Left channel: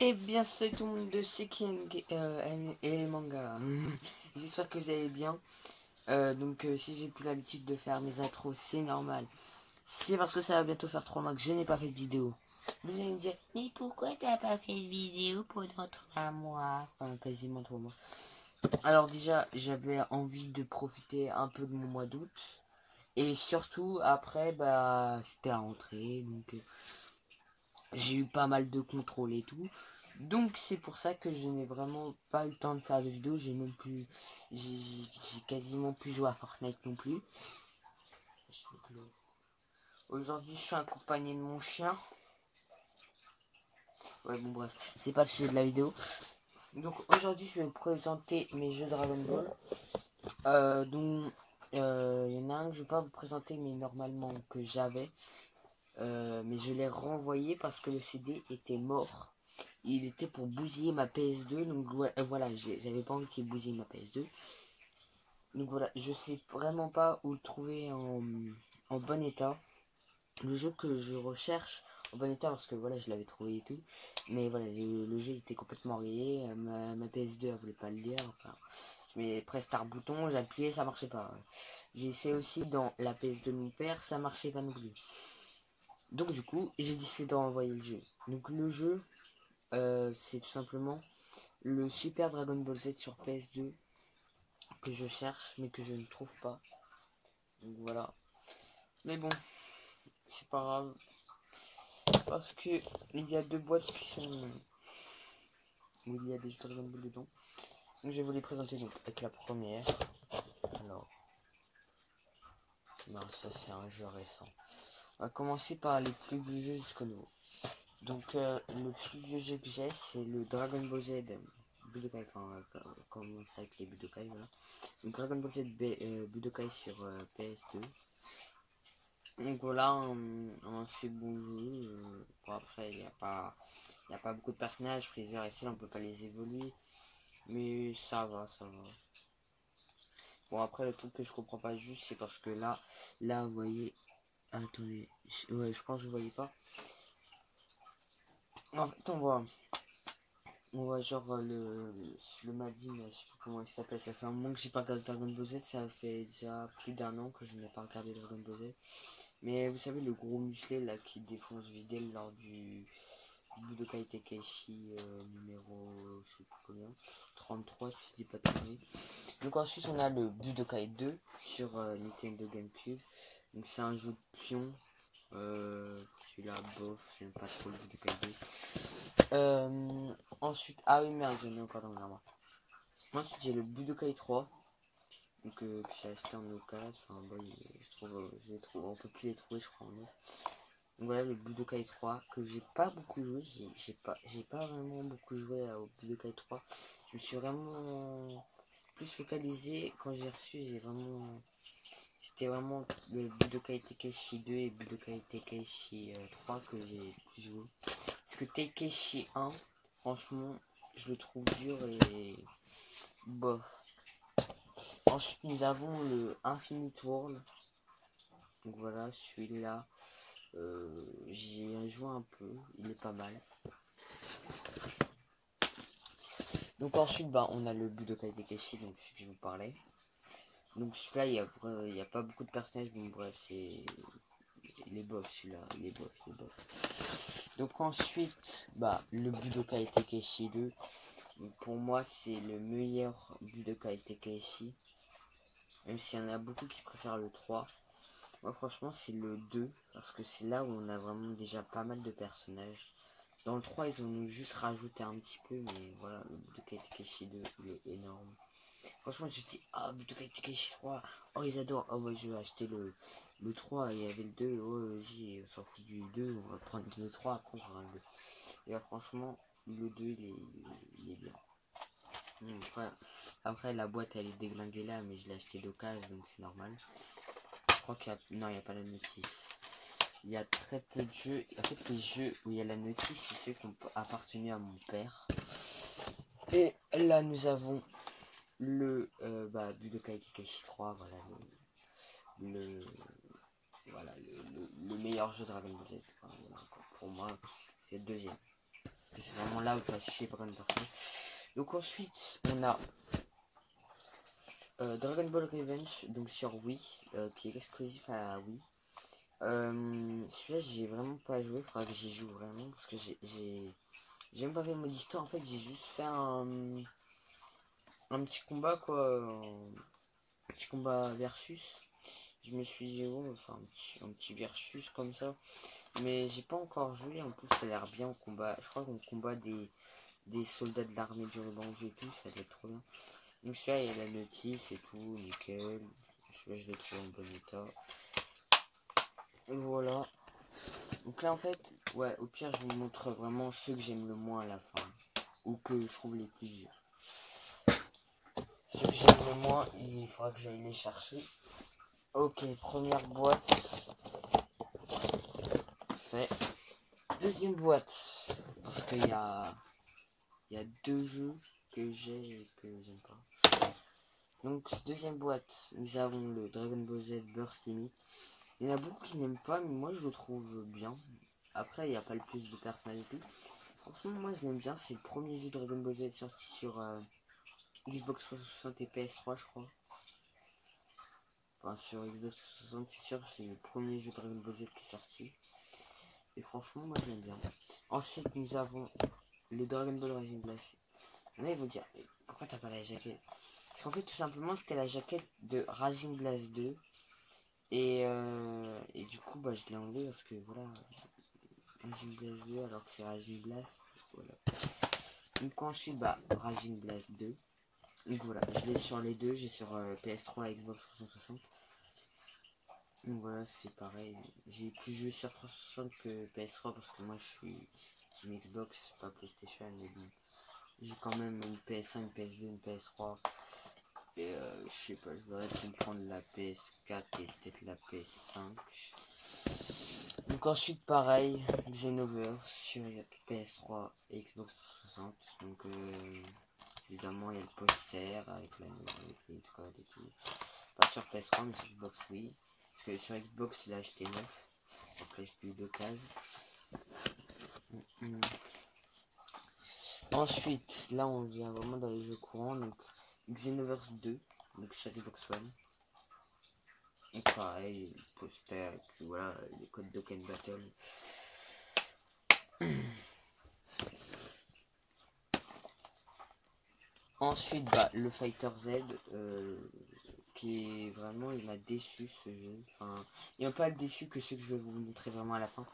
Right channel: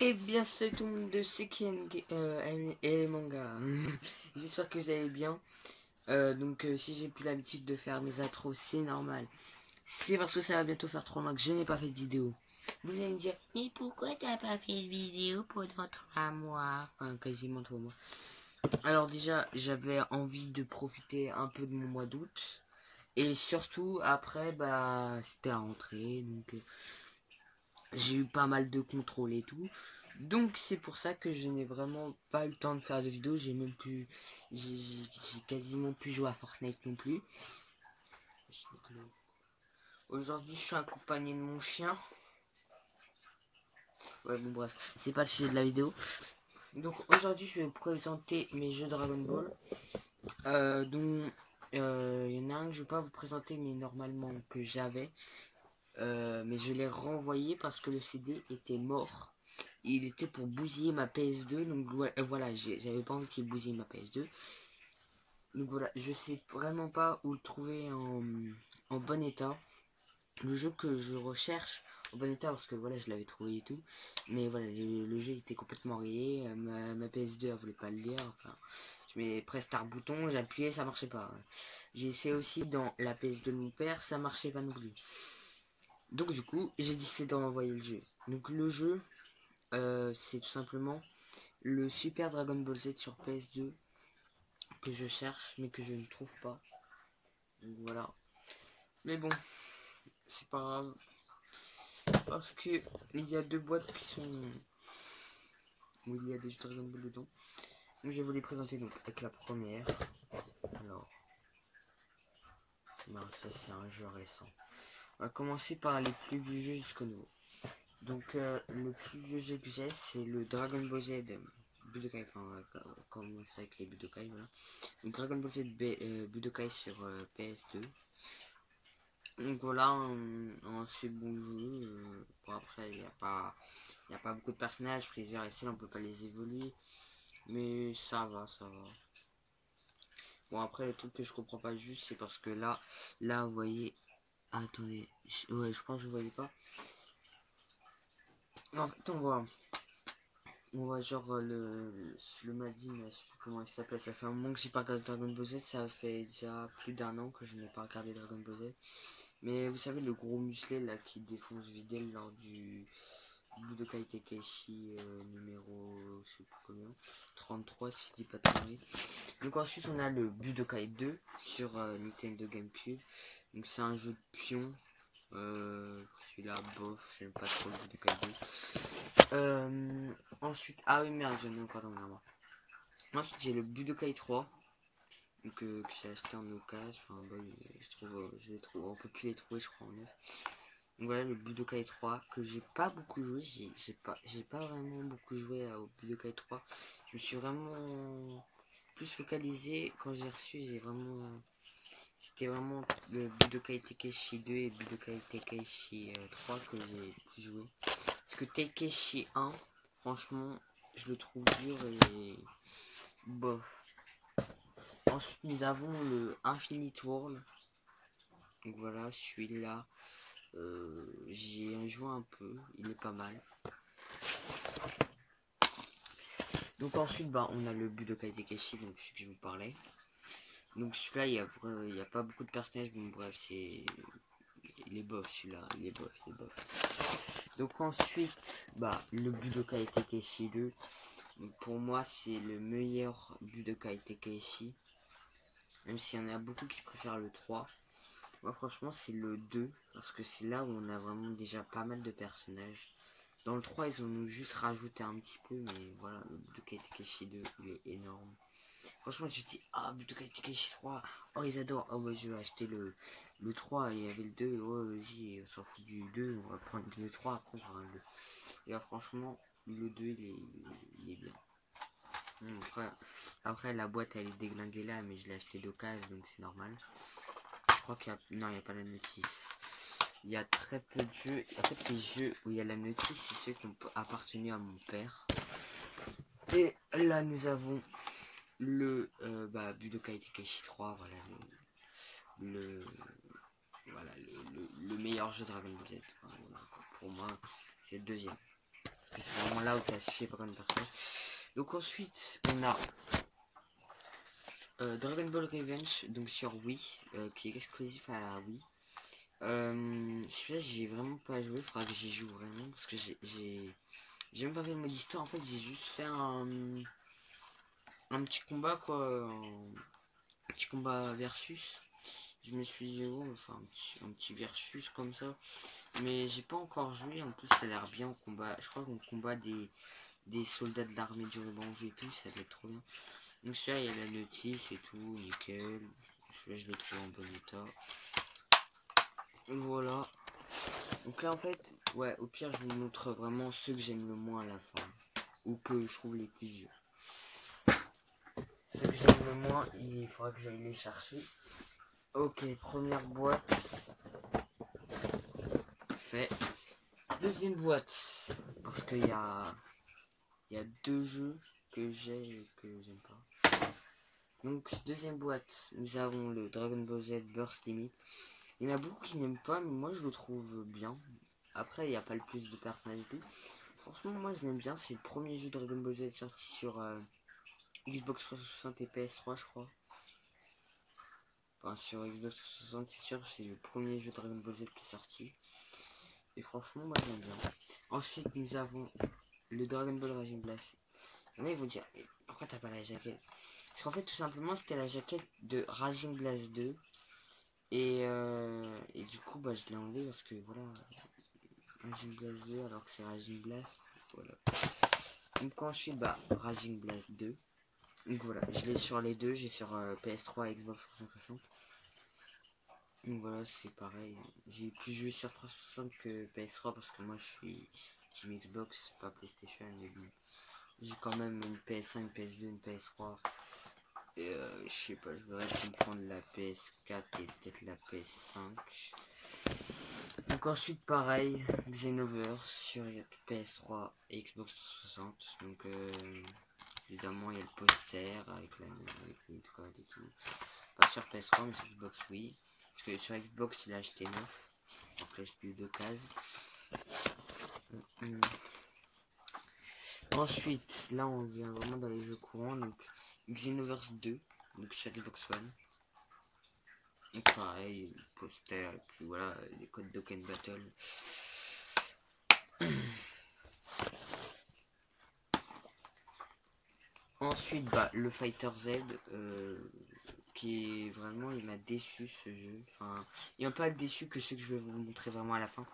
Eh bien, c'est tout le monde de Sekien et les mangas. J'espère que vous allez bien. Si j'ai plus l'habitude de faire mes intros, c'est normal. C'est parce que ça va bientôt faire 3 mois que je n'ai pas fait de vidéo. Vous allez me dire, mais pourquoi t'as pas fait de vidéo pendant 3 mois? Enfin, quasiment 3 mois. Alors déjà, j'avais envie de profiter un peu de mon mois d'août. Et surtout, après, bah, c'était à rentrer. J'ai eu pas mal de contrôles et tout. Donc c'est pour ça que je n'ai vraiment pas eu le temps de faire de vidéos. J'ai même plus, j'ai quasiment plus joué à Fortnite non plus. Aujourd'hui, je suis accompagné de mon chien. Ouais, bon bref, c'est pas le sujet de la vidéo. Donc aujourd'hui, je vais vous présenter mes jeux Dragon Ball. Donc il y en a un que je vais pas vous présenter, mais normalement que j'avais. Mais je l'ai renvoyé parce que le CD était mort. Il était pour bousiller ma PS2, donc voilà, j'avais pas envie qu'il bousille ma PS2. Donc voilà, je sais vraiment pas où le trouver en bon état. Le jeu que je recherche en bon état, parce que voilà, je l'avais trouvé et tout. Mais voilà, le jeu était complètement rayé. Ma PS2 elle voulait pas le lire. Enfin, je mets Prestart bouton, j'appuyais, ça marchait pas. J'ai essayé aussi dans la PS2 de mon père, ça marchait pas non plus. Donc du coup, j'ai décidé d'envoyer le jeu. Donc le jeu, c'est tout simplement le Super Dragon Ball Z sur PS2 que je cherche mais que je ne trouve pas. Donc voilà. Mais bon, c'est pas grave parce que il y a deux boîtes qui sont où il y a des jeux Dragon Ball dedans. Donc je vais vous les présenter donc avec la première. Alors, non, ça c'est un jeu récent. On va commencer par les plus vieux jeux jusqu'au nouveau. Donc le plus vieux jeu que j'ai c'est le Dragon Ball Z Budokai, enfin on va commencer avec les Budokai, voilà. Donc Dragon Ball Z Budokai sur PS2. Donc voilà, un assez bon jeu. Bon après, il y a pas beaucoup de personnages. Freezer et Cell, on peut pas les évoluer. Mais ça va, ça va. Bon après, le truc que je comprends pas juste, c'est parce que là, vous voyez... Attendez, ouais, je pense que vous voyez pas. En fait, on voit genre le Madin, je sais plus comment il s'appelle. Ça fait un moment que j'ai pas regardé Dragon Ball Z. Ça fait déjà plus d'un an que je n'ai pas regardé Dragon Ball Z. Mais vous savez, le gros musclé là qui défonce Videl lors du Budokai Tenkaichi numéro je sais plus combien, 33 si je dis pas de conneries. Donc ensuite on a le Budokai 2 sur Nintendo GameCube. Donc c'est un jeu de pion. Celui-là bof, j'aime pas trop le Budokai 2. Ensuite, ah oui merde, j'en ai encore dans mon armoire. Ensuite j'ai le Budokai 3. Donc, que j'ai acheté en occasion. Enfin bon, je les trouve, on peut plus les trouver je crois en neuf. Donc voilà le Budokai 3 que j'ai pas beaucoup joué, j'ai pas vraiment beaucoup joué au Budokai 3. Je me suis vraiment plus focalisé quand j'ai reçu, c'était vraiment le Budokai Tenkaichi 2 et Budokai Tenkaichi 3 que j'ai joué. Parce que Tenkaichi 1, franchement, je le trouve dur et bof. Ensuite nous avons le Infinite World. Donc voilà, celui-là. J'ai joué un peu, il est pas mal. Donc ensuite, bah, on a le Budokai Tenkaichi, donc celui que je vous parlais. Donc celui-là, il y a pas beaucoup de personnages, bon bref, il est bof celui-là, il est bof, il est bof. Donc ensuite, bah, le Budokai Tenkaichi 2. Donc, pour moi, c'est le meilleur Budokai Tenkaichi. Même s'il y en a beaucoup qui préfèrent le 3. Moi, franchement, c'est le 2, parce que c'est là où on a vraiment déjà pas mal de personnages. Dans le 3, ils ont juste rajouté un petit peu, mais voilà, le Budokai Tenkaichi 2, il est énorme. Franchement, je dis, ah, Budokai Tenkaichi 3, oh, ils adorent. Oh, ouais, je vais acheter le 3, il y avait le 2, oh, vas-y, on s'en fout du 2, on va prendre le 3, après on prendra le 2. Et là, franchement, le 2, il est bien. Après, la boîte, elle est déglinguée là, mais je l'ai acheté d'occasion, donc c'est normal. Je crois qu'il y a... Non, il n'y a pas la notice. Il y a très peu de jeux. En fait, les jeux où il y a la notice, c'est ceux qui ont appartenu à mon père. Et là, nous avons le Budokai Tenkaichi 3. Voilà, voilà, le meilleur jeu Dragon Ball Z. Voilà, pour moi, c'est le deuxième. que c'est vraiment là où tu as chier pour une personne. Donc ensuite, on a Dragon Ball Revenge, donc sur Wii, qui est exclusif à la Wii. Celui-là, j'ai vraiment pas joué, il faudra que j'y joue vraiment, parce que j'ai même pas fait le mode histoire, en fait, j'ai juste fait un petit combat, quoi, un petit combat versus. Je me suis dit, oh, enfin, un petit versus comme ça, mais j'ai pas encore joué, en plus, ça a l'air bien au combat. Je crois qu'on combat des soldats de l'armée du ruban rouge et tout, ça doit être trop bien. Donc celui-là, il y a la notice et tout, nickel. Celui-là, je le trouve en bon état. Voilà. Donc là, en fait, ouais, au pire, je vous montre vraiment ceux que j'aime le moins à la fin. Ou que je trouve les plus durs. Ceux que j'aime le moins, il faudra que j'aille les chercher. Ok, première boîte. Fait. Deuxième boîte. Parce qu'il y a deux jeux que j'ai et que j'aime pas. Donc, deuxième boîte, nous avons le Dragon Ball Z Burst Limit. Il y en a beaucoup qui n'aiment pas, mais moi je le trouve bien. Après, il n'y a pas le plus de personnages et tout. Franchement, moi je l'aime bien. C'est le premier jeu Dragon Ball Z sorti sur Xbox 360 et PS3, je crois. Enfin, sur Xbox 360, c'est sûr, c'est le premier jeu Dragon Ball Z qui est sorti. Et franchement, moi j'aime bien. Ensuite, nous avons le Dragon Ball Raging Blast. Il y en a, ils vont dire, mais pourquoi t'as pas la jaquette? Parce qu'en fait, tout simplement, c'était la jaquette de Raging Blast 2. Et du coup, bah, je l'ai enlevé parce que voilà, Raging Blast 2 alors que c'est Raging Blast. Voilà. Donc ensuite, bah, Raging Blast 2. Donc voilà, je l'ai sur les deux, j'ai sur PS3 et Xbox 360. Donc voilà, c'est pareil. J'ai plus joué sur 360 que PS3 parce que moi je suis Team Xbox, pas PlayStation. Mais bon, j'ai quand même une PS1, une PS2, une PS3. Et je sais pas, je verrais comprendre la PS4 et peut-être la PS5. Donc ensuite pareil, Xenoverse sur PS3 et Xbox 360. Donc évidemment il y a le poster avec les codes et tout. Pas sur PS3 mais sur Xbox oui. Parce que sur Xbox il a acheté 9. Donc là j'ai plus deux cases. Ensuite là on vient vraiment dans les jeux courants. Donc Xenoverse 2. Donc sur Xbox One. Donc pareil, le poster et puis voilà les codes d'Oken Battle. Ensuite, bah, le Fighter Z, qui est vraiment, il m'a déçu ce jeu. Enfin, il m'a pas déçu que ce que je vais vous montrer vraiment à la fin.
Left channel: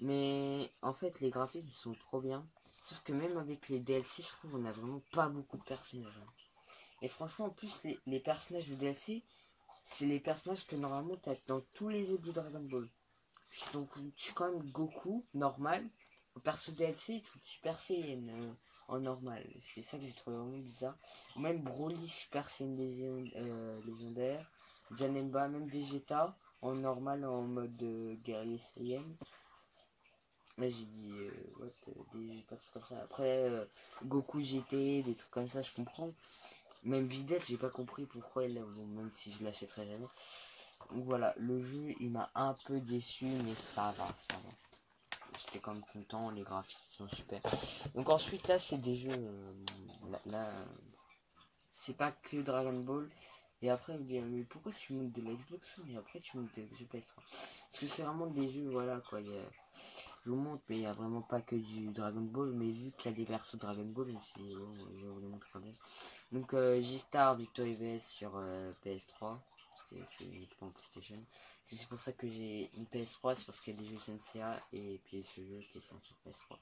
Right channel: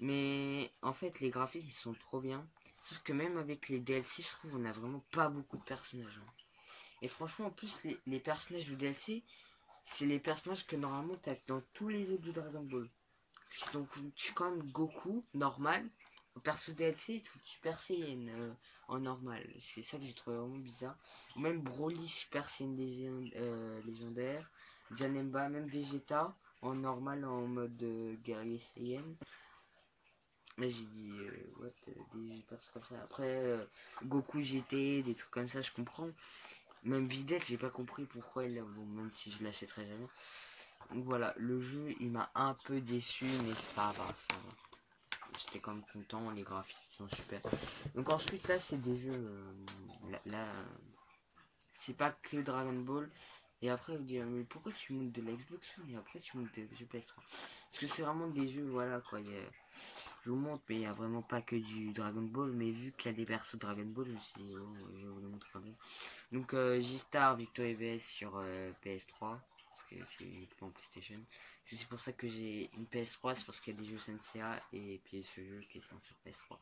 Mais en fait, les graphismes sont trop bien. Sauf que même avec les DLC, je trouve on a vraiment pas beaucoup de personnages. Hein. Et franchement, en plus, les personnages du DLC, c'est les personnages que normalement tu as dans tous les autres jeux Dragon Ball. Donc, tu suis quand même Goku, normal. Au perso DLC, tout Super Saiyan en normal. C'est ça que j'ai trouvé vraiment bizarre. Ou même Broly Super Saiyan légendaire. Janemba, même Vegeta en normal en mode guerrier Saiyan. Là j'ai dit what, des persos comme ça. Après Goku GT, des trucs comme ça, je comprends. Même Vidette, j'ai pas compris pourquoi elle, bon, même si je l'achèterai jamais. Donc voilà, le jeu il m'a un peu déçu, mais ça va, ça va. J'étais quand même content, les graphismes sont super. Donc ensuite là c'est des jeux, là c'est pas que Dragon Ball. Et après vous dire mais pourquoi tu montes de la Xbox One et après tu montes de jeux PS3? Parce que c'est vraiment des jeux, voilà quoi. Je vous montre, mais il n'y a vraiment pas que du Dragon Ball. Mais vu qu'il y a des persos de Dragon Ball, je me suis dit, oh, je vais vous le montrer quand même. Donc J-Star Victor VS sur PS3. Parce que c'est uniquement PlayStation. C'est aussi pour ça que j'ai une PS3. C'est parce qu'il y a des jeux SNCA. Et puis ce jeu qui est sur PS3.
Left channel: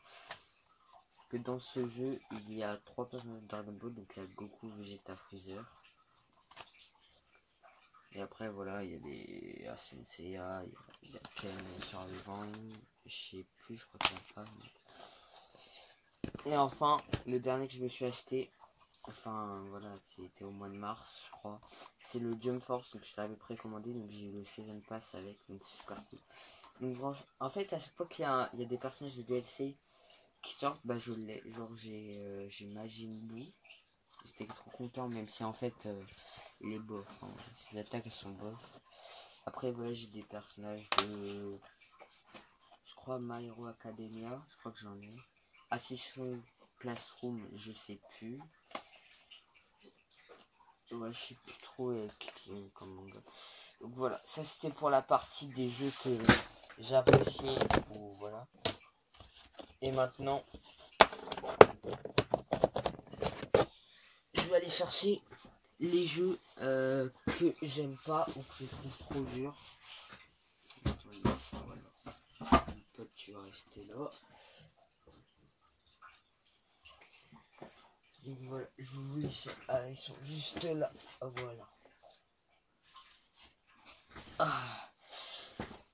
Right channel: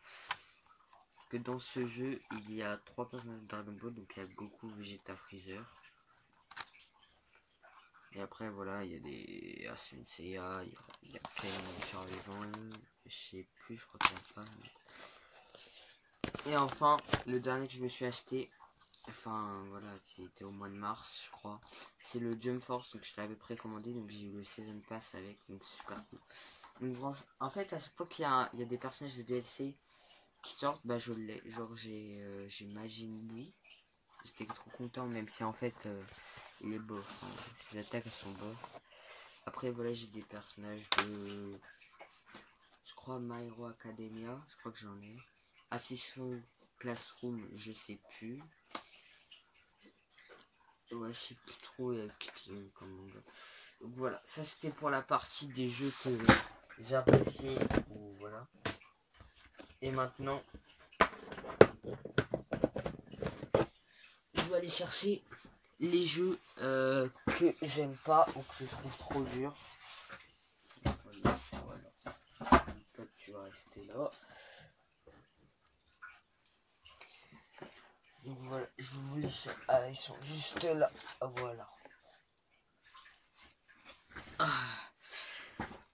Parce que dans ce jeu, il y a 3 personnages de Dragon Ball. Donc il y a Goku, Vegeta, Freezer. Et après voilà, il y a des SNCA. Il y a Ken survivant. Je sais plus, je crois qu'il n'y a pas. Et enfin, le dernier que je me suis acheté, enfin voilà, c'était au mois de mars, je crois. C'est le Jump Force, donc je l'avais précommandé, donc j'ai eu le Season Pass avec, donc super cool. Donc en fait, à chaque fois qu'il y a des personnages de DLC qui sortent, bah je l'ai. Genre j'ai Majin Buu. J'étais trop content, même si en fait il est bof. Hein. Ses attaques elles sont bof. Après voilà, j'ai des personnages de, je crois, My Hero Academia, je crois que j'en ai. Assassin's Classroom, je sais plus. Ouais, je sais plus trop comme manga. Donc voilà, ça c'était pour la partie des jeux que j'appréciais. Voilà. Et maintenant, je vais aller chercher les jeux que j'aime pas ou que je trouve trop durs. Voilà. Tu vas rester là. Donc voilà, je vous laisse. Ah, ils sont juste là. Voilà. Ah.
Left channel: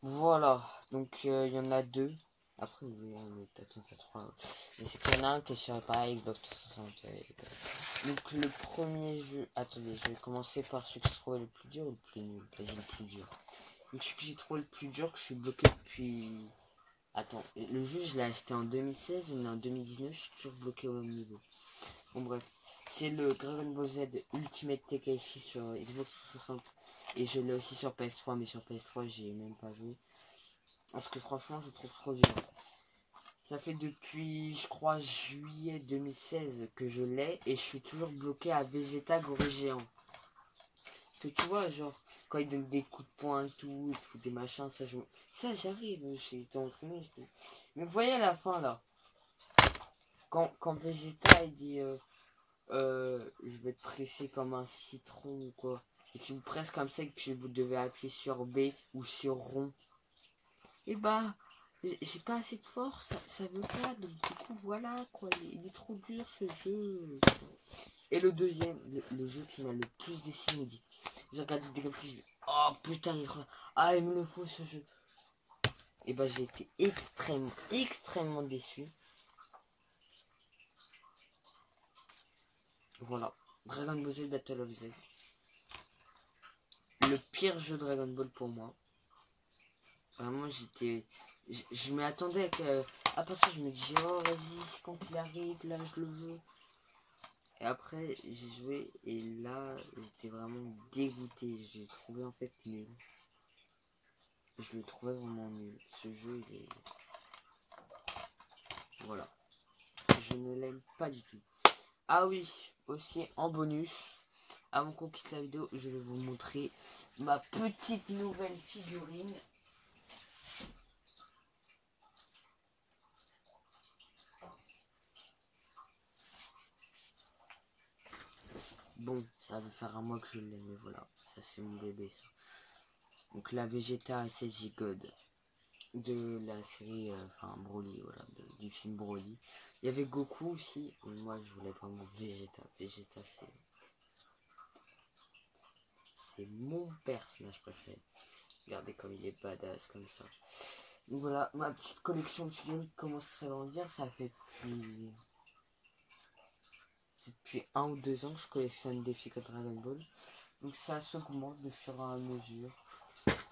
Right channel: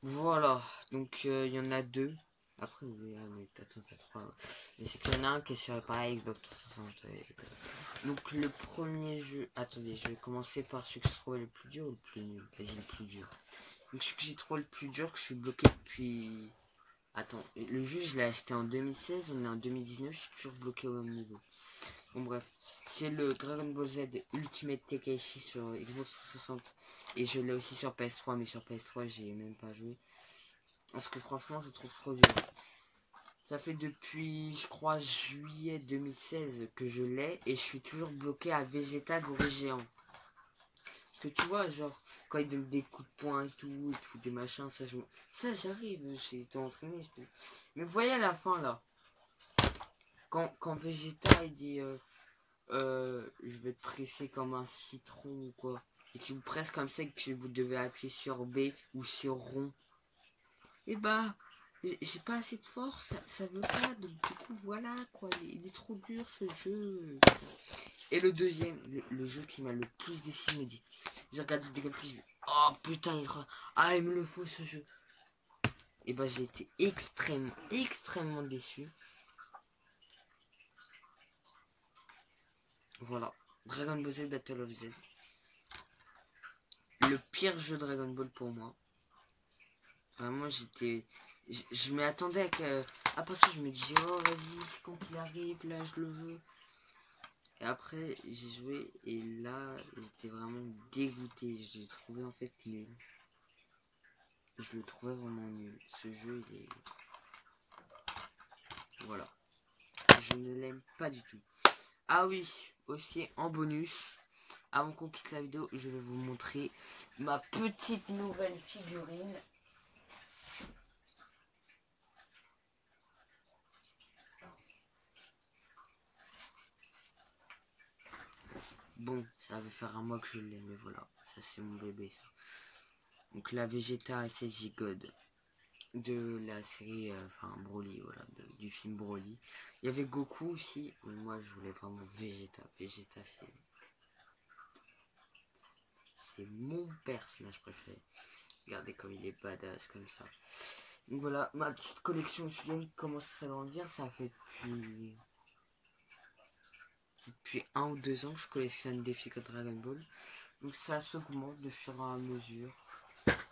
Voilà. Donc il y en a deux. Après, oui, mais attends, t'as trois. Mais c'est qu'il y en a un qui est sur pareil Xbox 360. Donc le premier jeu. Attendez, je vais commencer par celui que je trouvais le plus dur ou le plus nul. Vas-y, le plus dur. Donc celui que j'ai trouvé le plus dur, que je suis bloqué depuis. Attends, le jeu je l'ai acheté en 2016, on est en 2019, je suis toujours bloqué au même niveau. Bon bref, c'est le Dragon Ball Z Ultimate Tenkaichi sur Xbox 360 et je l'ai aussi sur PS3, mais sur PS3 j'ai même pas joué. Parce que franchement je trouve trop dur. Ça fait depuis je crois juillet 2016 que je l'ai et je suis toujours bloqué à Vegeta Gorille Géant. Parce que tu vois genre quand il donne des coups de poing et tout des machins, ça j'arrive, j'ai été entraîné. Mais vous voyez à la fin là, quand Vegeta il dit je vais te presser comme un citron ou quoi, et qu'il vous presse comme ça et que vous devez appuyer sur B ou sur rond, et bah j'ai pas assez de force, ça veut pas, donc du coup voilà quoi, il est trop dur ce jeu. Et le deuxième, le jeu qui m'a le plus déçu, me dit, j'ai regardé des gameplays, je dis, oh putain il me le faut ce jeu. Et bah j'ai été extrêmement déçu. Voilà, Dragon Ball Z Battle of Z. Le pire jeu Dragon Ball pour moi. Vraiment, je m'y attendais à passer, je me disais, oh vas-y, c'est quand il arrive, là je le veux. Et après, j'ai joué et là, j'étais vraiment dégoûté. Je l'ai trouvé en fait nul. Je le trouvais vraiment nul. Ce jeu, il est. Voilà. Je ne l'aime pas du tout. Ah oui, aussi en bonus. Avant qu'on quitte la vidéo, je vais vous montrer ma petite nouvelle figurine. Bon, ça va faire un mois que je l'ai, mais voilà, ça c'est mon bébé. Ça. Donc la Vegeta SSJ God de la série, Broly, voilà, du film Broly. Il y avait Goku aussi, mais moi je voulais vraiment Vegeta. Vegeta c'est mon personnage préféré. Regardez comme il est badass comme ça. Donc voilà, ma petite collection de figurines commence à s'agrandir. Ça fait depuis 1 ou 2 ans que je collectionne des figures Dragon Ball. Donc ça s'augmente de fur et à mesure.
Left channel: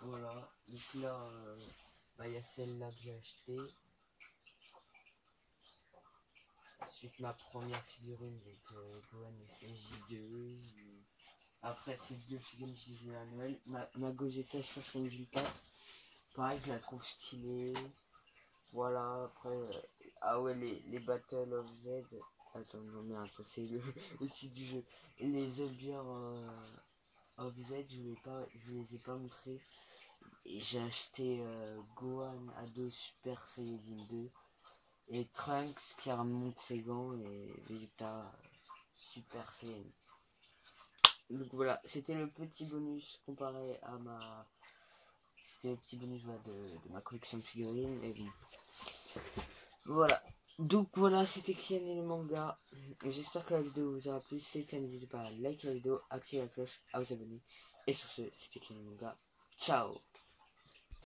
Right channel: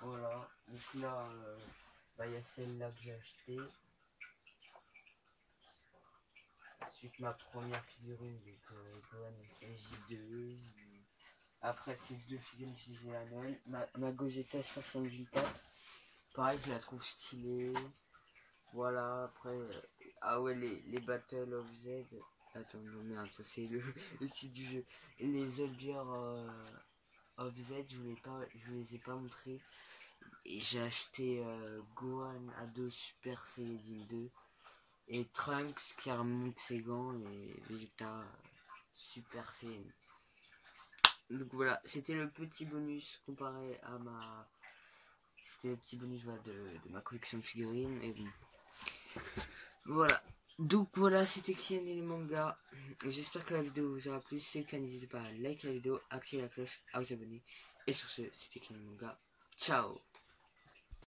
Voilà. Donc là, il y a celle-là que j'ai achetée. Ensuite ma première figurine, donc Gohan J2. Après ces deux figurines que j'ai à Noël. Ma Gogeta Super Saiyan 4. Pareil, je la trouve stylée. Voilà, après, ah ouais, les Battle of Z. Attends, non, merde, ça c'est le site du jeu. Les Soldiers of Z, je vous les ai pas montrés. Et j'ai acheté Gohan Ado Super Saiyajin 2. Et Trunks qui remonte ses gants et Vegeta Super Saiyan. Donc voilà, c'était le petit bonus comparé à ma. C'était le petit bonus de ma collection de figurines. Et bon. Voilà. Donc voilà, c'était Kian et les mangas. J'espère que la vidéo vous aura plu. Si c'est le cas, n'hésitez pas à liker la vidéo, activer la cloche, à vous abonner. Et sur ce, c'était Kian et les mangas. Ciao.